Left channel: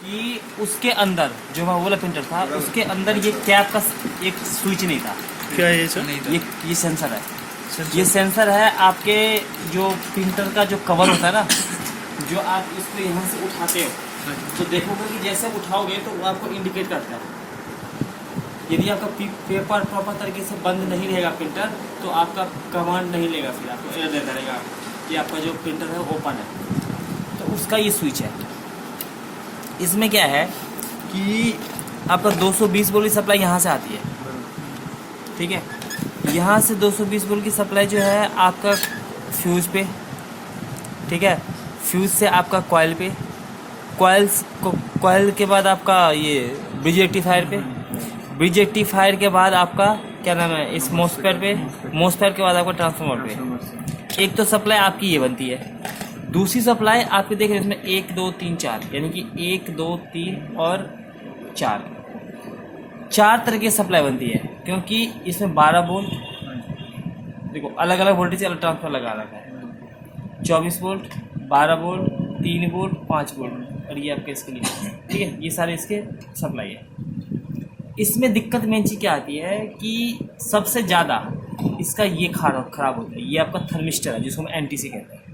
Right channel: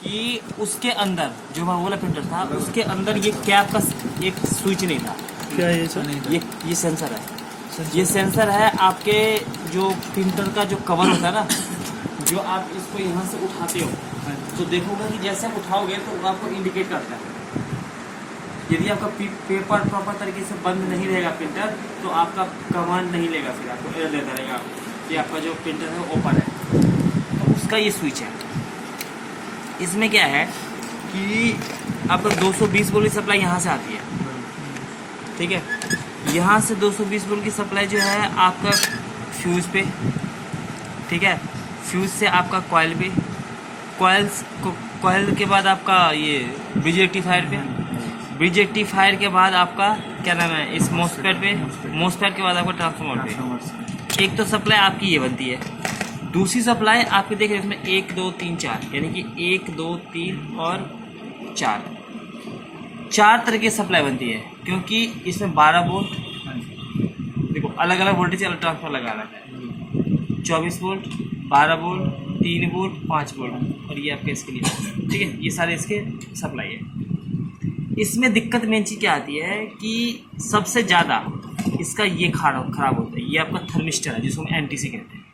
कि उसके अंदर जो मैं बोला प्रिंटर था, उसके अंदर ये कैप का एक स्विच नहीं था। क्या है ये सर? ये सेंसर है। ये सेंसर है आपके जो प्रिंटर का जो कवर होता है ना, जो आप इसको यहाँ से उठाते हो तो देखोगे कि जैसे आप उठाओगे तो वो आपको इंडिकेट करता है। यदि आपका पेपर प्रॉपर तरीके से बंद नहीं रहेगा प्रिंटर, तो आपका कमांड नहीं लेगा, फिर आपको एरर देता रहेगा कि आपका जो प्रिंटर है ओपन है। तो उसका ये स्विच है। इसमें क्या है कि आपका 220 वोल्ट की सप्लाई यहाँ से आती है, ठीक है। यहाँ से 220 वोल्ट की सप्लाई जो है आपका फ्यूज़ पे, ठीक है, फ्यूज़ से आपका कॉइल पे, कॉइल के बाद आपका ये ब्रिज रेक्टिफायर पे, ब्रिज रेक्टिफायर के बाद आपका क्या नाम है इस मोस्फेट पे, मोस्फेट के बाद आपका ट्रांसफार्मर पे। एक तो सप्लाई आपकी ये बनती है। दूसरी सप्लाई आपके देख रहे हैं इसमें 1 2 3 4, यानी कि 1 2 3 और 4 तरह की सप्लाई बनती है, क्योंकि इसमें 12 वोल्ट, देखो अलग अलग वोल्टेज अलग ट्रांसफर लगा रखा है। 24 वोल्ट, 12 वोल्ट, 3 वोल्ट, 5 वोल्ट, और ये आपके इसके लिए, ठीक है, ये सारे इसके सप्लाई है। इसमें दिक्कत मेन चीज़ क्या आती है कि सबसे ज़्यादा इसका ये खराब होता है, ये आपका थर्मिस्टर है जिसको हम एनटीसी कहते हैं।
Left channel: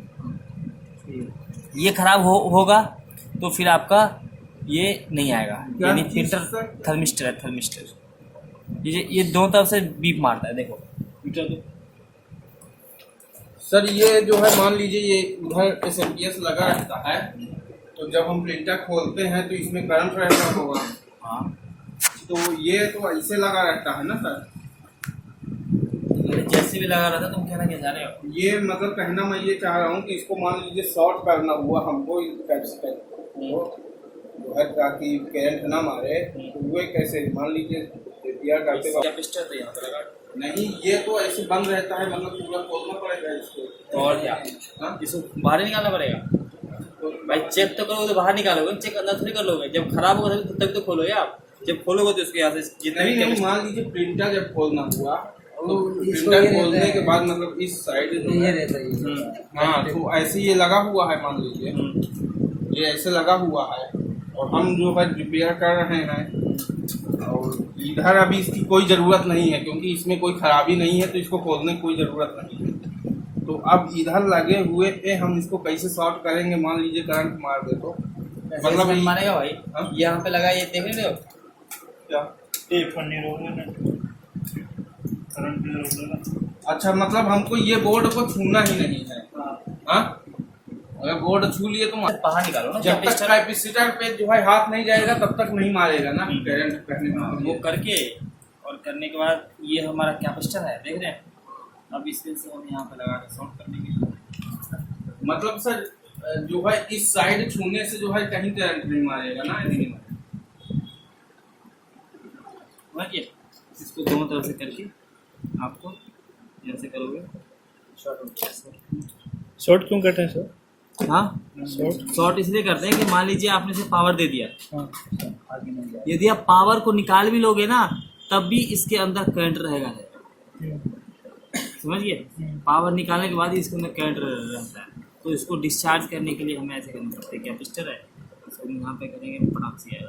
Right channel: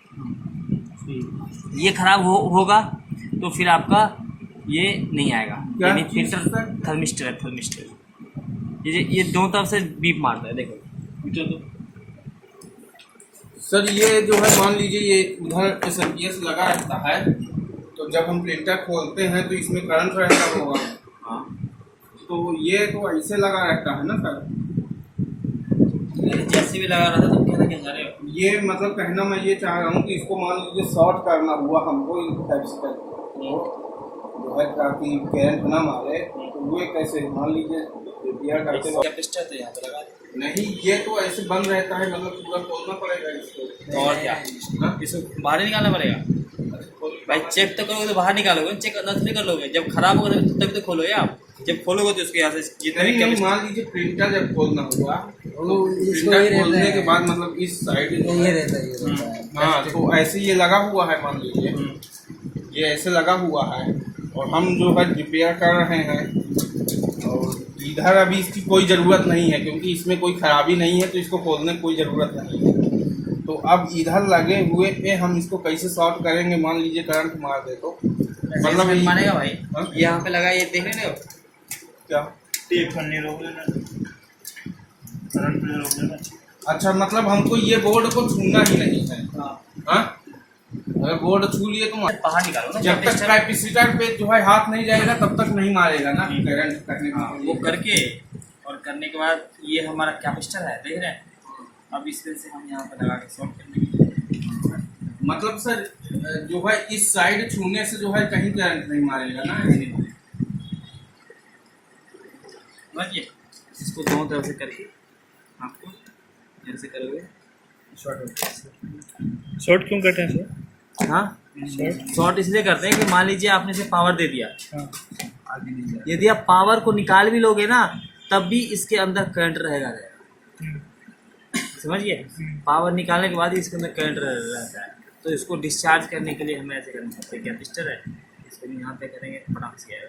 ये खराब होगा तो फिर आपका ये नहीं आएगा, यानी प्रिंटर थर्मिस्टर है, थर्मिस्टर ये दोनों तरफ से बीप मारता है। देखो मीटर तो सर ये जो है मान लीजिए ये उधर एसएमपीएस लगा रहता है, तो जब हम प्रिंटर खोलते हैं तो इसमें करंट रहता होगा। हाँ, तो ये तो ऐसे लगा रहता है ना सर? जैसे भी लगा रहा था तुम कहना क्या चाह रहे हो? ये मतलब कहना मैं ये चाह रहा हूँ कि इसको मान लीजिए शॉर्ट करना हुआ हमको कैपेसिटर जो है ताकि करंट ना मारे, तो वो कैसे मान लीजिए रिपेयर करते वक्त कैपेसिटर तो यहाँ पे लगा नहीं, ये तो ऐसे बंद रहता है, मतलब पूरा खोलना पड़ेगा इसको। तो और क्या, इसको बाहर ही निकालना पड़ेगा भाई। चेक तो करोगे तो बाहर निकालोगे, चेक अंदर थोड़ी कर लोगे। जब खराब होगा तभी तो खोलोगे आप। जब खोलोगे तो उसके यहाँ से जितने भी नहीं, मान लीजिए प्रिंटर जब खोलना हुआ तो प्रिंटर खोलने के बाद मतलब इस साइड ये रहता है। हाँ, तो ऐसे ये लगा हुआ है, मान लीजिए ये ऐसे लगा हुआ है और हम जो है रिपेयर कर रहे हैं, और इधर अभी इसकी कोई ज़रूरत नहीं है क्योंकि इसमें कोई खराबी नहीं है, तो इसको खोलने की कोई ज़रूरत नहीं है। तो अब इधर लगे हुए पे हम इसको कैसे शॉर्ट करेंगे? मान लीजिए करंट मार दे तो मतलब मानेगा भाई। यहाँ पे लगा, ये देख रहे हो क्या टेप नहीं रोक लेना, करंट पे रोक लेना। अच्छा, मतलब हमको ये बोर्ड को छूना ही नहीं है। हाँ, अगर बोर्ड छू लिए तो बाहर निकालो ना। जब तक कैपेसिटर पे जो है हाथ नहीं जाएगा तब तक नहीं मारेगा ना करंट करने के वो लिए। करके और करने के बाद ये हमारा कैपेसिटर है, देख रहे हैं। अब इसमें से हम यहाँ पे लगा के शॉर्ट कर देंगे। मतलब सर जो है इस साइड छूने से जो है कहीं करंट नहीं मारेगा ना? समझिए, इसको दोनों तरफ से करके आपको जैसे करोगे शॉर्ट होता है। शॉर्ट क्यों करते हैं सर? हाँ, शॉर्ट इसलिए करते हैं कि मान लीजिए आपने इसे पावर दे दिया, यदि आप पावर को निकाल भी लोगे ना तब भी इसके अंदर करंट रहेगा। समझिए, पावर निकालने के बाद ही इसके अंदर करंट रहता है। तो इसको डिस्चार्ज करने के लिए हमें ऐसे करना पड़ता है। कैपेसिटर है, इसको यहाँ पे करेंगे पटाख से आएगा।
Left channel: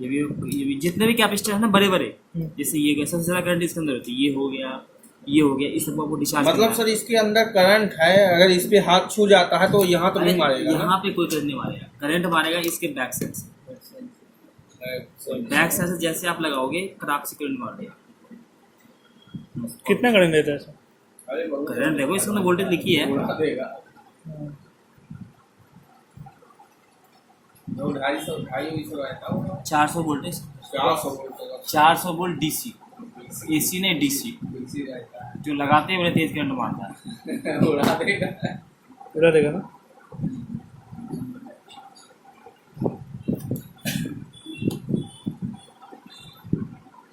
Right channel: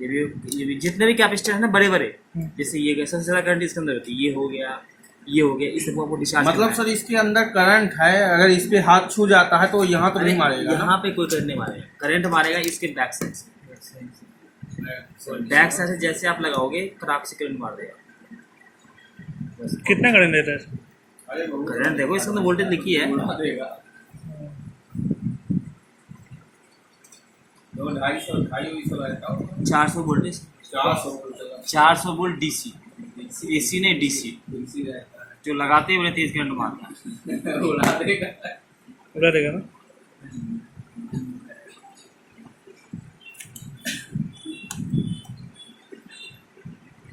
ये भी जितने भी कैपेसिटर है ना बड़े बड़े, जैसे ये सबसे ज़्यादा करंट इसके अंदर होती है, ये हो गया, इस सबको आपको डिस्चार्ज मतलब सर इसके अंदर करंट है, अगर इस पे हाथ छू जाता है तो यहाँ तो नहीं मारेगा? यहाँ पे कोई करंट नहीं मारेगा। करंट मारेगा इसके बैक साइड से। बैक साइड से जैसे आप लगाओगे खराब से करंट मार देगा। कितना करंट देता है सर? करंट देखो इसके अंदर वोल्टेज लिखी है 400 वोल्टेज, 400 वोल्ट डीसी, एसी नहीं डीसी, जो लगाते हैं बड़े तेज करंट मारता है। उड़ा देगा ना?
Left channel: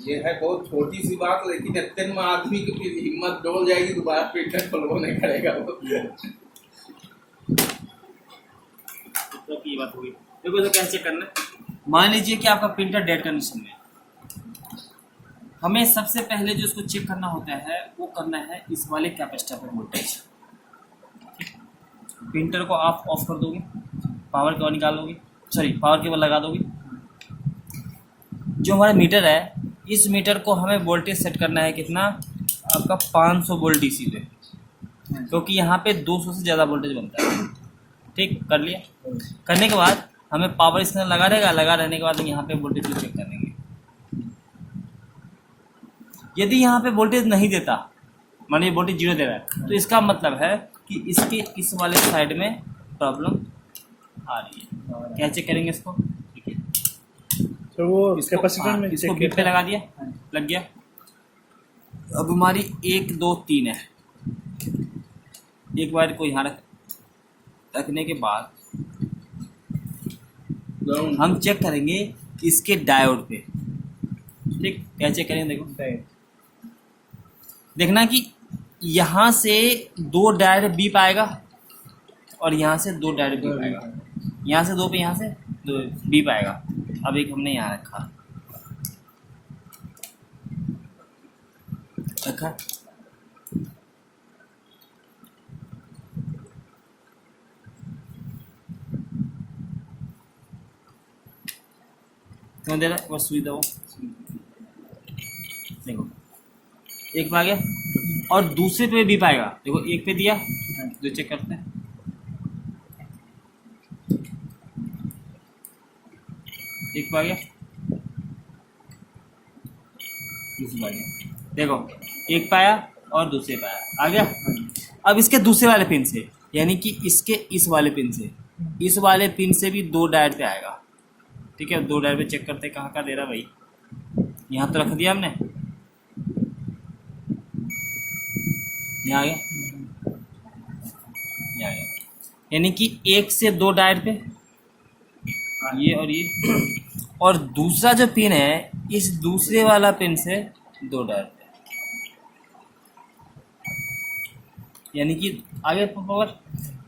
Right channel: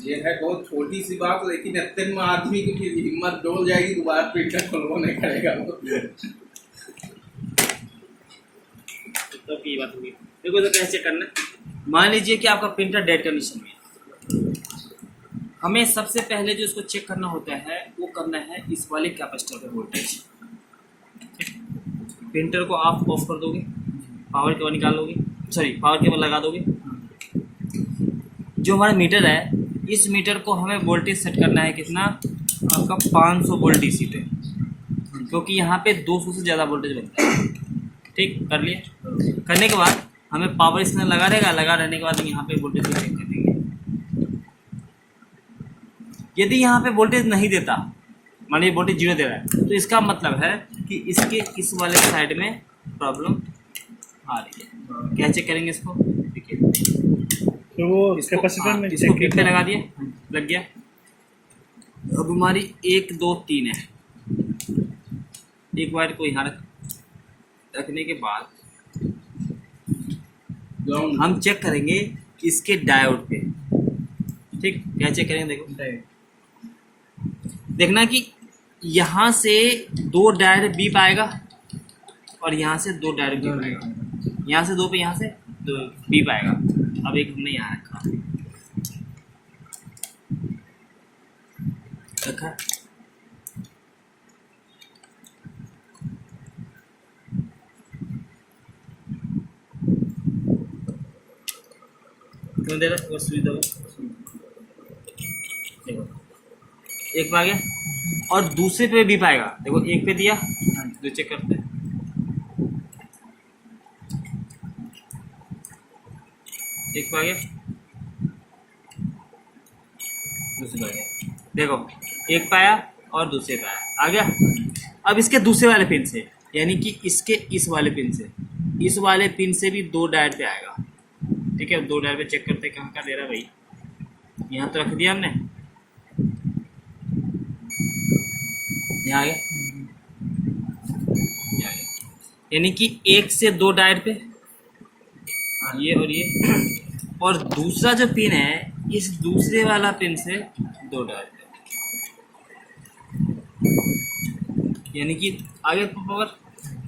ये है बहुत छोटी सी बात, लेकिन इतने में आदमी की फिर हिम्मत डोल जाएगी, दोबारा प्रिंटर खोलवा नहीं करेगा वो। तो की बात होगी। देखो तो कैसे करना, मान लीजिए कि आपका प्रिंटर डेड कंडीशन में, हमें सबसे पहले जो इसको चेक करना होता है वो करना है इस वाले कैपेसिटर पर वोल्टेज। प्रिंटर को आप ऑफ कर दोगे, पावर केबल निकालोगे, सॉरी पावर केबल लगा दोगे। जो हमारा मीटर है, इस मीटर को हमें वोल्टेज सेट करना है कितना, आपका 500 वोल्ट डीसी पे, क्योंकि यहाँ पे 200 से ज़्यादा वोल्टेज बनता है। ठीक, कर लिया। करने के बाद हमें पावर स्कैनर लगा रहेगा, लगा रहने के बाद यहाँ पे वोल्टेज भी चेक कर देंगे। यदि यहाँ पे वोल्टेज नहीं देता, मान लीजिए वोल्टेज 0 दे रहा है, तो इसका मतलब है कि इसके इस वाले साइड में प्रॉब्लम आ रही है। क्या चेक करेंगे इसको, देखिए तो वो कैपेसिटर में इसको बीप पे लगा दिया, लग गया। अब हमारी 1 2 3 है। एक वायर को यहाँ रखने के बाद हम चेक करेंगे इसके डायोड पे। ठीक, क्या चेक करेंगे, देखो देखना कि यहाँ से 2 डायोड बीप आएगा और यहाँ से 2 डायोड बीप आएगा, यहाँ से 2 पे, यहाँ से 2 बीप आएगा। अब एक हमने यहाँ रखा क्यों दे रहे, वो सुई दो, देखो एक पे आ गया और दूसरे पे भी पाएगा। देखो एक पे दिया, जो चेक करते हैं, एक पे आ गया, दूसरे पे आ गया। देखो एक पाया और दूसरे पे आ गया। अब इसके दूसरे वाले पिन से, यानी कि इसके इस वाले पिन से, इस वाले पिन से भी 2 डायोड पे आएगा। ठीक है, 2 डायोड पे चेक करते हैं कहाँ का दे रहा है भाई। यहाँ तो रख दिया हमने, यहाँ आ गया, यहाँ आ गया। यानी कि 1 से 2 डायोड पे ये और दूसरा जो पिन है, इस दूसरे वाला पिन से 2 डायोड पे, यानी कि आगे पावर।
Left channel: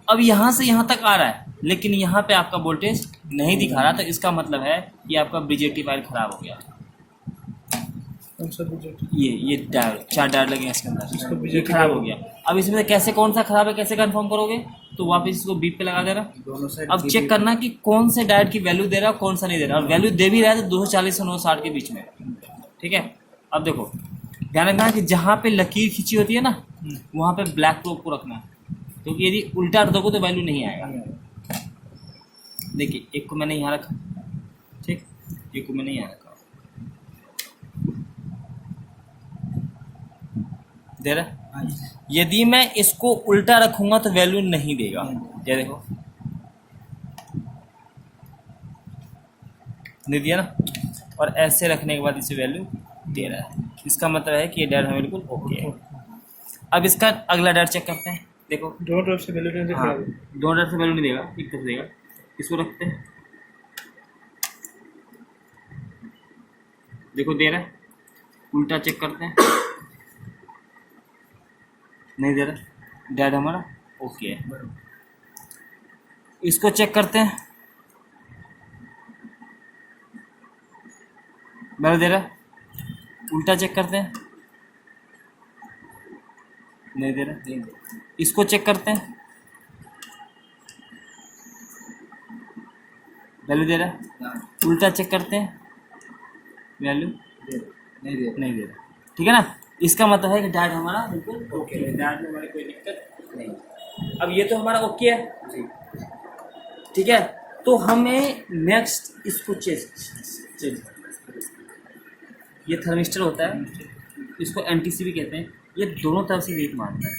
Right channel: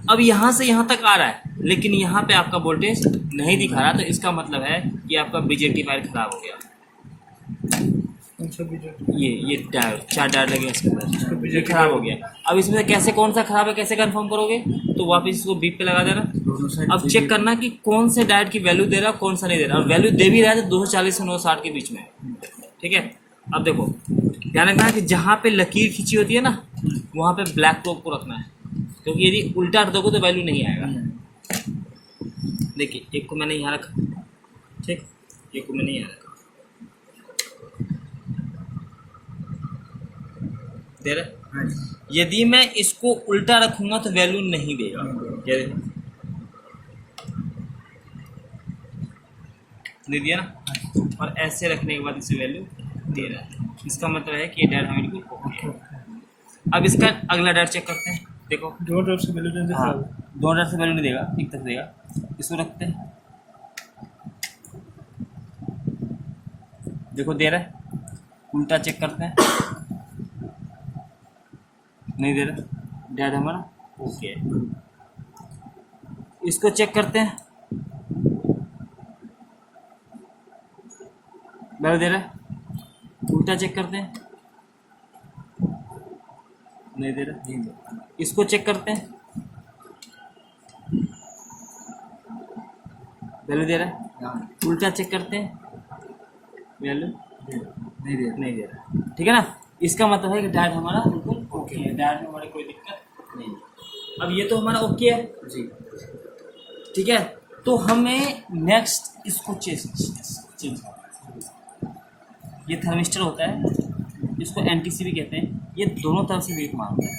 अब यहाँ से यहाँ तक आ रहा है, लेकिन यहाँ पे आपका वोल्टेज नहीं दिखा रहा, तो इसका मतलब है कि आपका बीजेटी वायर खराब हो गया। ये डायोड, 4 डायोड लगे इसके अंदर, ये खराब हो गया। अब इसमें कैसे, कौन सा खराब है, कैसे कंफर्म करोगे, तो वापस इसको बीप पे लगा देना। अब चेक करना कि कौन से डायोड की वैल्यू दे रहा है, कौन सा नहीं दे रहा। और वैल्यू दे भी रहा है तो 240 से 960 के बीच में। ठीक है, अब देखो ध्यान रखना कि जहाँ पे लकीर खींची होती है ना, वहाँ पे ब्लैक प्रोब को रखना है, क्योंकि यदि उल्टा रख दोगे तो वैल्यू नहीं आएगा। देखिए एक को मैंने यहाँ रखा, ठीक, एक को मैंने यहाँ रखा, दे रहा। यदि मैं इसको उल्टा रखूंगा तो वैल्यू नहीं देगा। ये देखो नहीं दिया ना, और ऐसे रखने के बाद इसे वैल्यू दे रहा है। इसका मतलब है कि ये डायोड हमें बिल्कुल ओके है। अब इसका अगला डायोड चेक करते हैं। देखो 2 डायोड से वैल्यू नहीं देगा, 2 डायोड से वैल्यू नहीं देगा, एक तरफ देगा। इसको रखते हैं, देखो दे रहा है। उल्टा चेक करते हैं, नहीं दे रहा, डायोड हमारा ओके है। इसको चेक करते हैं, वैल्यू दे रहा। उल्टा चेक करते हैं, नहीं दे रहा। इसको चेक करते हैं, वैल्यू दे रहा। उल्टा चेक करते हैं, वैल्यू नहीं दे रहा। ठीक है ना, इसका मतलब है कि डायोड हमारा बिल्कुल ओके है, डायोड में हमारी कोई दिक्कत नहीं। अब ये तो हमारा ओके है जी, ठीक है। तो हमें नेक्स्ट इसको चेंज ये थर्मिस्टर होता है, इसको एनटीसी भी कहते हैं। ये दोनों तरफ से लीक मारता है,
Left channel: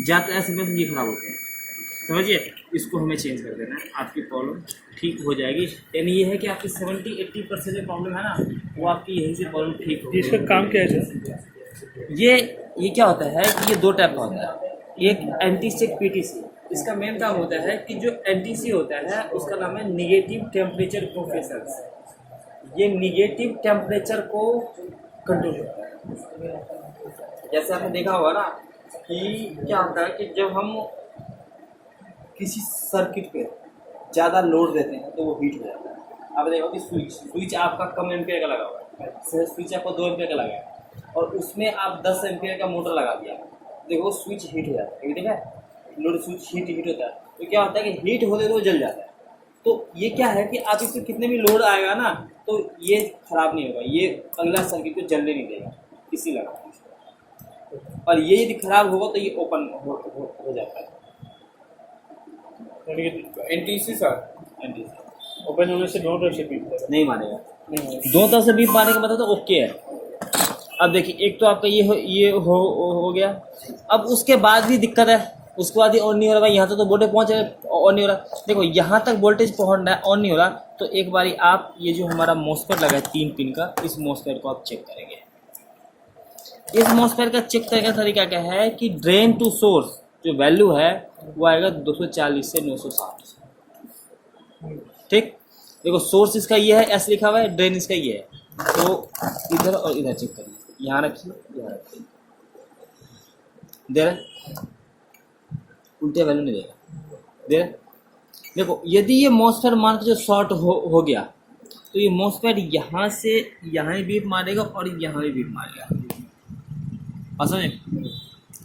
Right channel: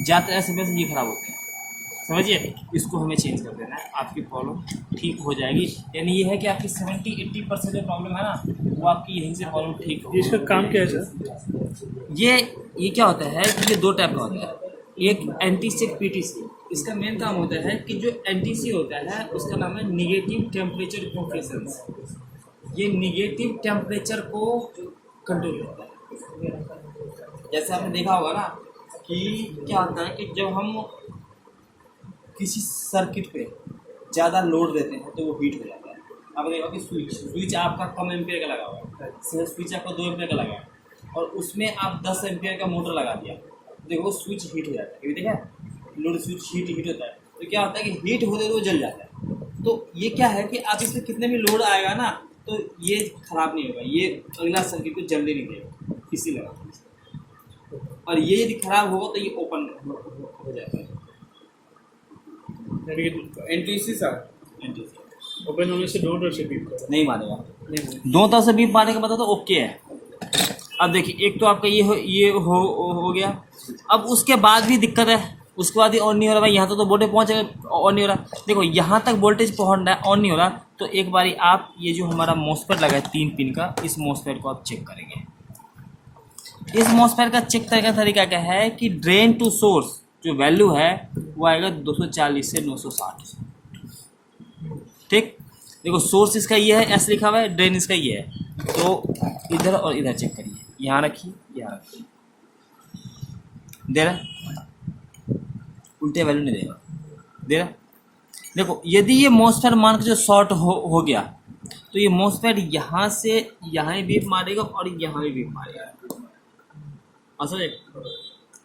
ज़्यादातर ऐसे में ये खराब होते हैं, समझिए। इसको हमें चेंज कर देना है, आपकी प्रॉब्लम ठीक हो जाएगी। यानी ये है कि आपकी 70-80% जो प्रॉब्लम है ना, वो आपकी यहीं से प्रॉब्लम ठीक हो। इसका काम क्या है सर? ये क्या होता है कि ये 2 टाइप का होता है, एक एनटीसी, एक पीटीसी। इसका मेन काम होता है कि जो एनटीसी होता है उसका नाम है निगेटिव टेम्परेचर कोफिशिएंट। ये निगेटिव टेम्परेचर को कंट्रोल करता है। जैसे आपने देखा होगा ना कि क्या होता है कि जब हम किसी सर्किट पे ज़्यादा लोड देते हैं तो वो हीट हो जाता है। आप देखो कि स्विच आपका कम एम्पियर का लगा हुआ है, स्विच आपका 2 एम्पियर का लगा है, और उसमें आप 10 एम्पियर का मोटर लगा दिया, देखो स्विच हीट हो जाता है। देखा लोड स्विच हीट होता है, तो क्या होता है कि हीट होते तो वो जल जाता है। तो ये क्या है कि आप इसमें कितने भी लोड आएगा ना तो ये खराब नहीं होगा, ये अगला सर्किट को जलने नहीं देगा किसी लगा। और ये यदि खराब होगा तो ये ओपन हो जाता है। एनटीसी सर ओपन होने से दोनों तरफ से बीप करेगा। नहीं मारेगा, नहीं दो तरफ से बीप मारने के बाद तो ओके है। अब देखिए एक तो आपका ये हो गया। अब उसके बाद भी दिक्कत है, उसके बाद ही ऑन नहीं हो रहा भाई, यहाँ तो वोल्टेज पहुँच गया, ऑन नहीं हो रहा। देखो यहाँ तक वोल्टेज पहुँचना है, ऑन नहीं हो रहा। तो एक बारी आप ये जो हमारा मॉसफेट लगा है 3 पिन का, इस मॉसफेट को आप चेक करेंगे। इस मॉसफेट का चेक करने का तरीका क्या है कि ड्रेन टू सोर्स जो वैल्यू है वो आएगा 240 से 960। ठीक, देखो सोर्स इसका ये है, एस लिखा हुआ है, ड्रेन इसका ये है। तो इधर और इधर चेक करिए, यहाँ रखिए, यहाँ रखिए, दे रहा, उल्टे वैल्यू नहीं देगा, दे रहा। देखो यदि ये मॉसफेट मान के जो शॉर्ट हो गया तो ये मॉसफेट यहाँ से यहाँ ही बीप मारेगा और यहाँ भी बीप मारेगा। समझे,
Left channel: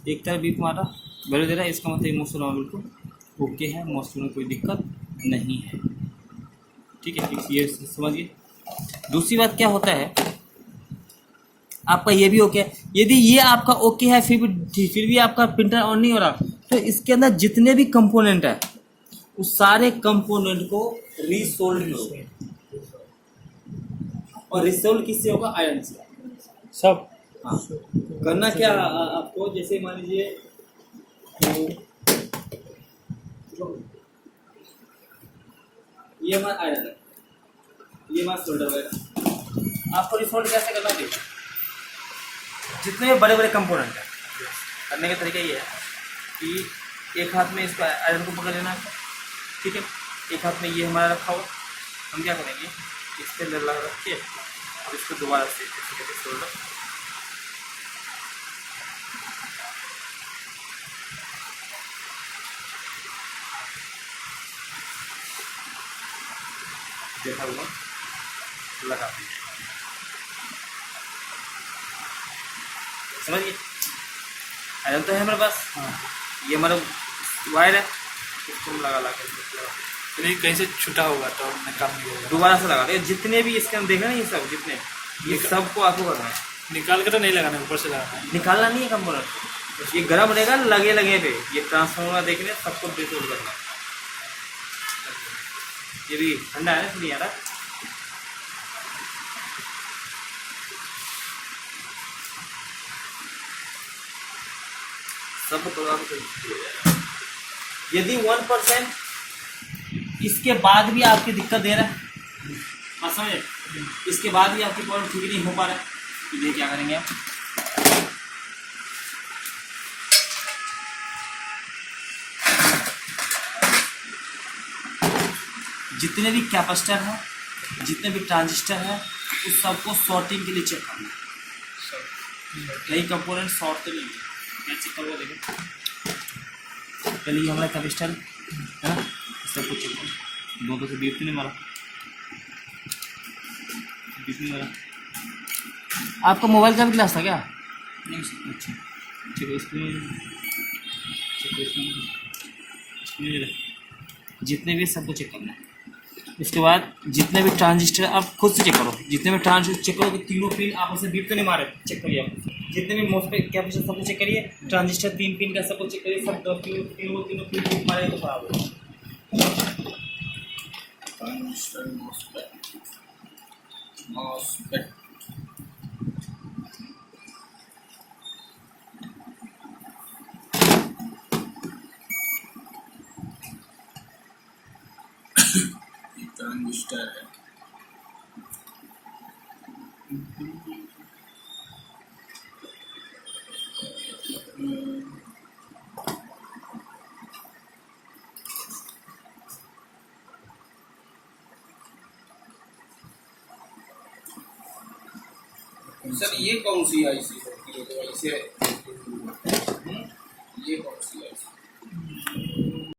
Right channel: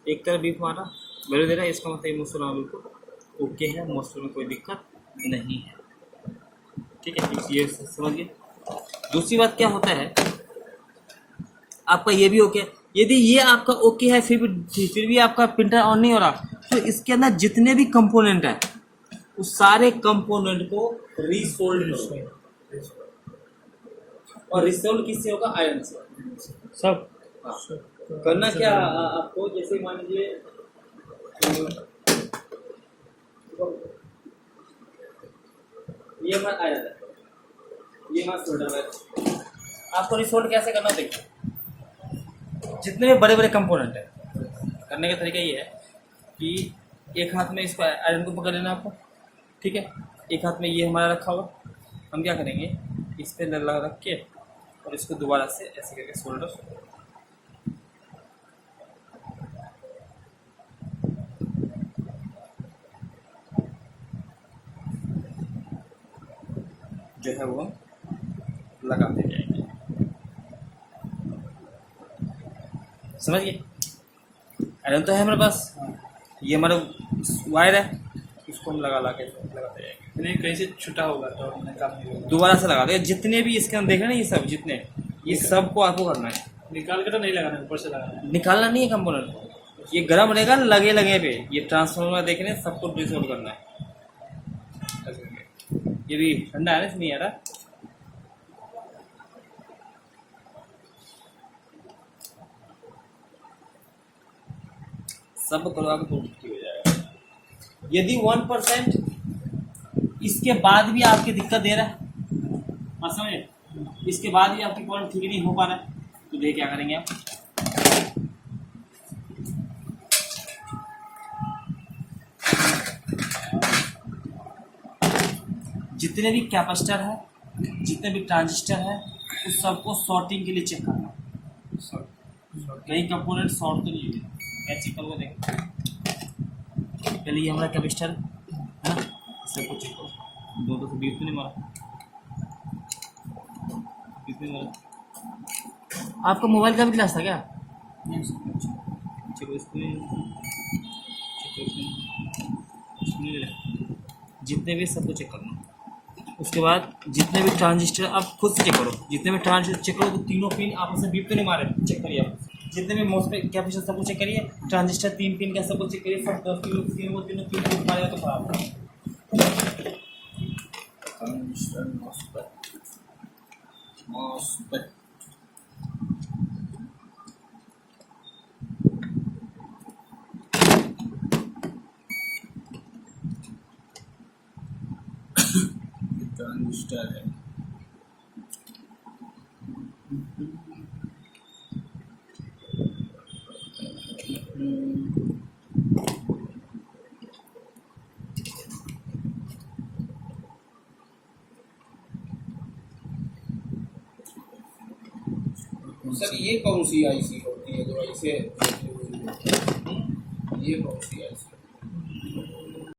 एक तरफ बीप मारा, वैल्यू दे रहा है, इसका मतलब ये मॉसफेट बिल्कुल ओके है, मॉसफेट में कोई दिक्कत नहीं है। ठीक है, ये समझिए। दूसरी बात क्या होता है, आपका ये भी ओके है। यदि ये आपका ओके है फिर भी आपका प्रिंटर ऑन नहीं हो रहा तो इसके अंदर जितने भी कंपोनेंट है उस सारे कंपोनेंट को रीसोल्ड करो। और रीसोल्ड किससे होगा? आयरन से। सब हाँ, करना क्या आपको, जैसे मान लीजिए ये हमारा आयरन है, ये हमारा सोल्डर है। आपको रिसोल्ड कैसे करना है? जितने भी बड़े बड़े कंपोनेंट है, करने का तरीका ये है कि एक हाथ में इसका आयरन को पकड़ लेना है आपको, ठीक है, एक हाथ में ये हमारा रखा हुआ। हम क्या करेंगे, इस पर लगा रख के और इसको दोबारा से ऐसे करके सोल्डर, देखा हुआ लगा देंगे। समझिए, आयरन तो है हमारे पास, ये हमारा वायर है, इसको हम लगा के नहीं कहीं से छुटा होगा तो हमने काम नहीं होगा, दोबारा से लगा दें। जितने भी इसके अंदर देखे ना, ये सब जितने, ये सबको आपको करना है। निकाल कर तो नहीं लगाना, ऊपर से लगाना है। निकालना नहीं है कंपोनेंट, ये गर्म रहेगा लगे लगे पे, ये ट्रांसफार्मर देखने सबको डिसोल्व करना है। ये भी ठंडा है ना, इसलिए आ रहा। सब तो आपको यदि 1% इसके बाद भी आपकी दिक्कत दे रहा है, हाँ समझे, इसके बाद भी आपकी प्रॉब्लम ठीक नहीं हो पा रहा है, तो ये क्या करेंगे आप, जितने भी कैपेसिटर है, जितने भी ट्रांजिस्टर है, उस सबको शॉर्टिंग के लिए चेक करना है। कई कंपोनेंट शॉर्ट तो नहीं है, मैं चेक करूँगा। देखो पहले ये हमारा कैपेसिटर है ना, सबको चेक करो, दो से बीप नहीं मारा, बीप नहीं मारा। आपका मोबाइल का भी ग्लास था क्या? नहीं सर, चलो जितने भी सबको चेक करना है। उसके बाद जितने भी ट्रांजिस्टर आप खुद से चेक करो, जितने भी ट्रांजिस्टर चेक करो कि तीनों पिन आपस में बीप तो नहीं मारे, चेक करिए आप। जितने भी मॉसफेट कैपेसिटर सबको चेक करिए, ट्रांजिस्टर 3 पिन का सबको चेक करिए, सब तीनों पिन बीप मारेगा तो खराब होगा। ट्रांजिस्टर है, सर ये कौन सी आईसी होती है जो ऐसे, ये कौन सी आईसी?